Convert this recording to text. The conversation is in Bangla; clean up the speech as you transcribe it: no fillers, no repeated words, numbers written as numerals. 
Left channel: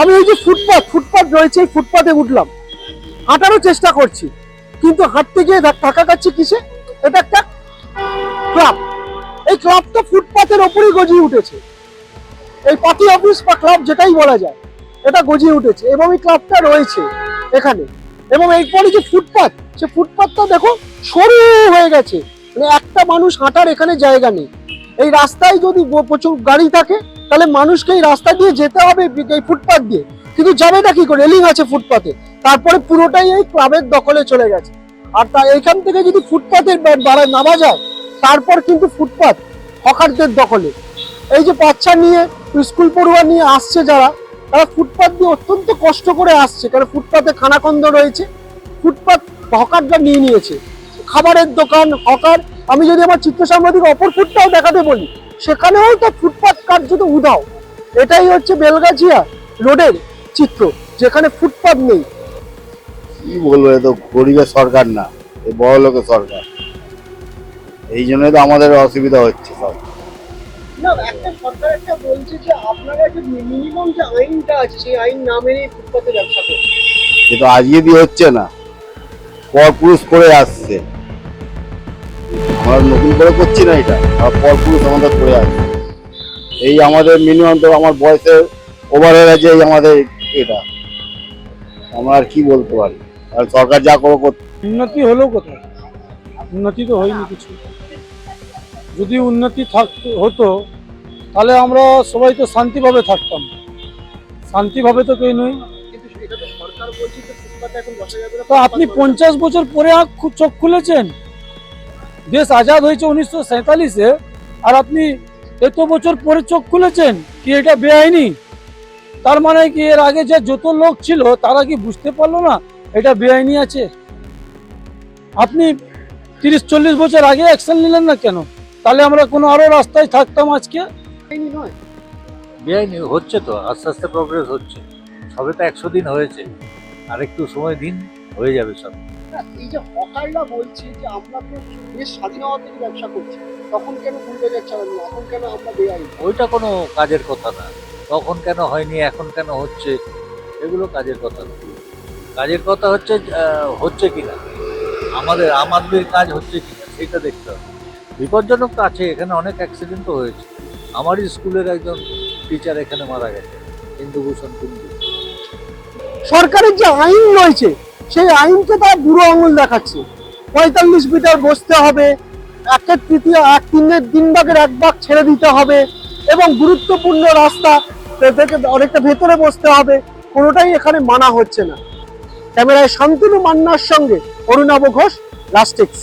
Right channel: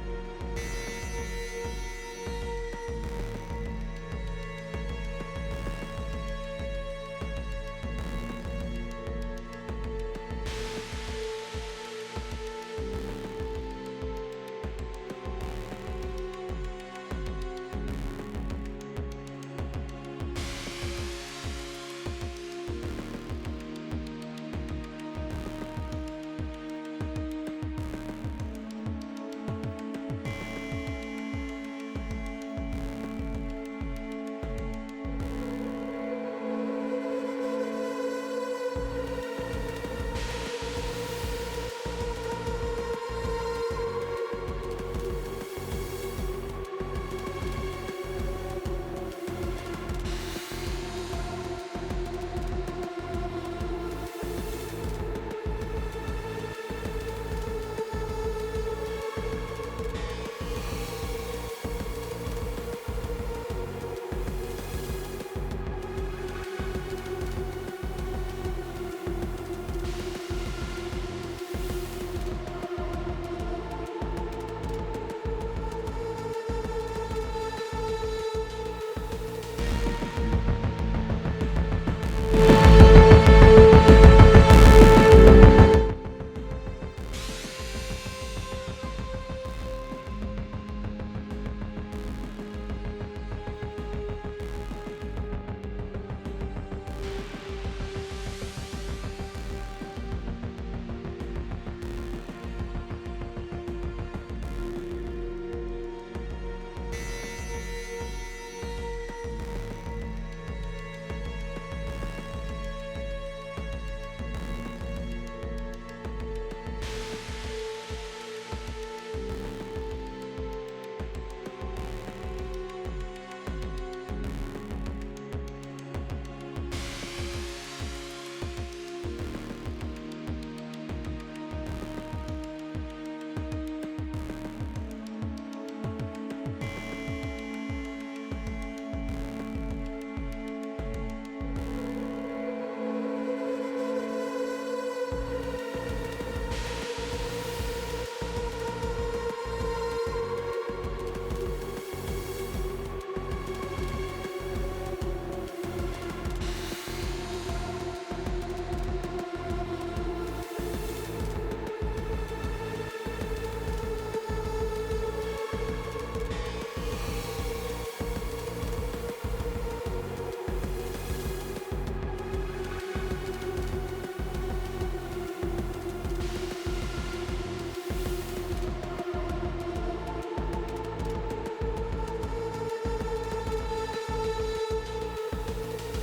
আমি ওই যে ফুটপাথ রয়েছে, এই ফুটপাথে উঠলাম, হাঁটারও চেষ্টা করছি, কিন্তু হাঁটতে গিয়ে টাকা খাচ্ছি কিসে? এটা একটা ক্লাব। এই ক্লাবটা ফুটপাথের ওপরেই গজিয়ে উঠেছে। এই পার্টি অফিস বা ক্লাব যেটাই বলা যায়, এটা গজিয়ে উঠেছে এবং এই ক্লাবটা রয়েছে এখানে। এবং এরপরে যে ফুটপাথ, সে ফুটপাথটা দেখো সরু হয়ে গেছে, মানে একটা মানুষ হাঁটার এখানে জায়গা নেই। এই রাস্তায় যদি প্রচুর গাড়ি থাকে, তাহলে মানুষকে এই রাস্তা দিয়ে যেতে হবে এই ফুটপাথ দিয়ে, কিন্তু যাবে না কি করে? রেলিং আছে ফুটপাথে, তারপরে পুরোটাই এই ক্লাবের দখলে চলে গেছে। আর তা এখান থেকে যদি ফুটপাথের নামা যায়, তারপর কিন্তু ফুটপাথ হকারদের দখলে। এই যে বাচ্চা নিয়ে, স্কুল পড়ুয়া নিয়ে আসছে যারা, তারা ফুটপাথ দিয়ে অত্যন্ত কষ্ট করে আসছে, কারণ ফুটপাথে খানাখন্দ রয়েছে, ফুটপাথ হকাররা নিয়ে নিয়েছে। খাবারের দোকান, হকার। আমি যদি আমার চিত্র সাংবাদিক অপর ফুটটাও দেখাতে বলি, সেখানেও তো ফুটপাথ কার্যত উধাও। এটাই হচ্ছে বেলগাছিয়া রোডের চিত্র, যেখানে ফুটপাথ নেই। কি বলবো, এ তো গরিবের সরকার না, এ বড় লোকের সরকার। এই জন্যই তো আমাদের অসুবিধা হচ্ছে সব। না, একটা সরকার একটা বলছে যে আপনারা একটা মিনিমাম যে আইনটা আছে, সেই আইন না মেনে ফুটপাথে ব্যবসা করছে। এ তো আজকে দিয়ে হচ্ছে না, পরপুরুষ করে আসছে। আমরা নতুন করে করছি না এটা, পরপুরুষ আমাদের করে আসছে। এই আমাদের মিনিমাম তো আমার বয়সের ওভার হয়ে গেছে এই আমাদের এটা। আমরা আর কি বলতে পারি, আর সরকার যা করে করতে। উন্নতি হলো কোথায়? উন্নতি তো হয়নি কিছু। যদি উন্নতি হতো, তাহলে আমরা সবাই তো শান্তিভাবে থাকতাম। শান্তিভাবে তো কেউ নই। তো আপনি 50 বছর পরে চোখ খুলেছেন। দেশ আজাদ হয়েছে 1947-এ, আর আপনি এত বছর পরে চোখ খুলেছেন কি এটা বেআইনি? তার মানে কি এর আগে যে যত লোক ছিল তারা কি বুঝতে পারলো না এটা বেআইনি আছে? আপনি 30-40 বছর আগে অ্যাকশন নিলেন না কেন? তাহলে আমরা কোনো আরো রাস্তায় থাকতাম আজকে। বেআইনি হচ্ছে তো, আস্তে আস্তে প্রোগ্রেস হচ্ছে। সবে তো 100 দিন হয়েছে, আর একটু সময় দিন, হয়ে যাবে সব। এই যে হকাররা বলছে যে আমরা তো দেশ স্বাধীনতা থেকে ব্যবসা করছি, তখন কেন ভুলে যাচ্ছে, এখন কেন আমরা বেআইনি? ওইটা কোনো কাজের কথা না। তখন কেন হয়নি, এখন কেন হচ্ছে, এগুলো কাজের কথা না। কাজের কথা হচ্ছে হচ্ছে কিনা, আমাদের আম আদমির কাজ হচ্ছে কিনা সেটা দেখতে হবে। বিপজ্জনক তো আছে, এখানে অনেক অ্যাক্সিডেন্টও হয়েছে। আমারই স্কুলের একজন টিচার এখানে মারা গেছে, ইন্দুভূষণ কুণ্ডু। সরকারের যে আইন রয়েছে, সেই আইনকে তারা বুড়ো আঙুল দেখাচ্ছে। 45 মিটার বসতে হবে, 1/3 এক ভাগ ছেড়ে দিতে হবে, এবং গুরুত্বপূর্ণ রাস্তা থেকে অনেকটা ভেতরে বসতে হবে, কোনোটাই এখানে মানা হচ্ছে না। ক্যামেরায় শান্তনু মান্নার সঙ্গে অরুণাভ ঘোষ, লাস্টেক্স।